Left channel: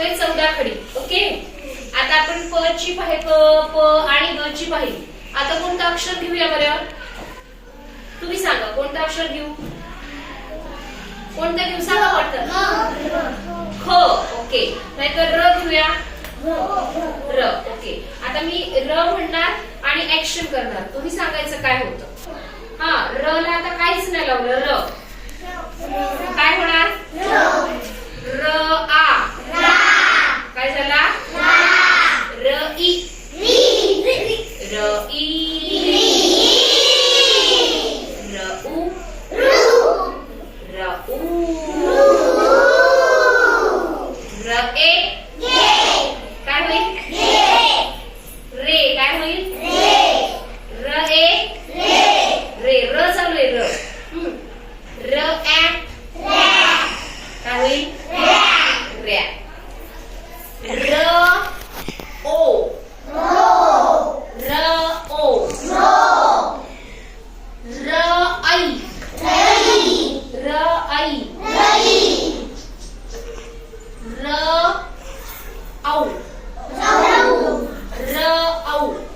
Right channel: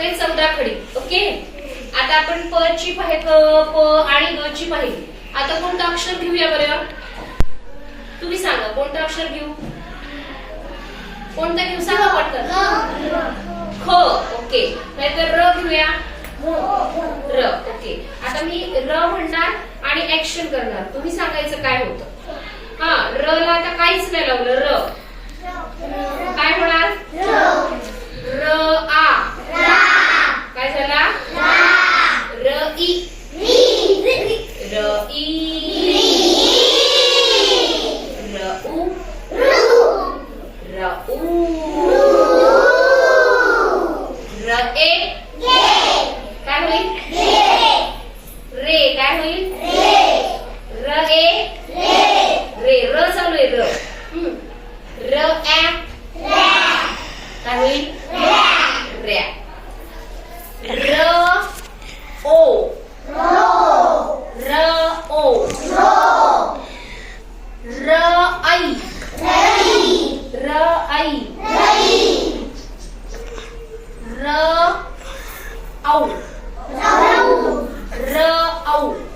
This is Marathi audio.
बघतोय 14 खडी. ओके, आता आपण प ची प आणि ग ची पाहिली. आता कोणतं अक्षर घेऊया बरं? तुम्ही सांगा कोणतं अक्षर घेऊ? कोणतं घेऊ सांगा पटकन. ख. ओके, नाहीतर र घेऊया. र. ओके, आता मी र म्हणणार आणि ऍक्शन करणार. तुम्ही सांगायचं काय होतं. हा, र ला आता काहीच नाही लावलं. र काय होणार? र आ. काय झाला? र ई. र ई. र उ. र उ. र ए. काय होईल? रे. काय होईल? र ए. रे. र चालू आहे. र. र ऍ. काय होईल? रॅ. र ओ. र ओ. र आई. र आई. र औ. र औ.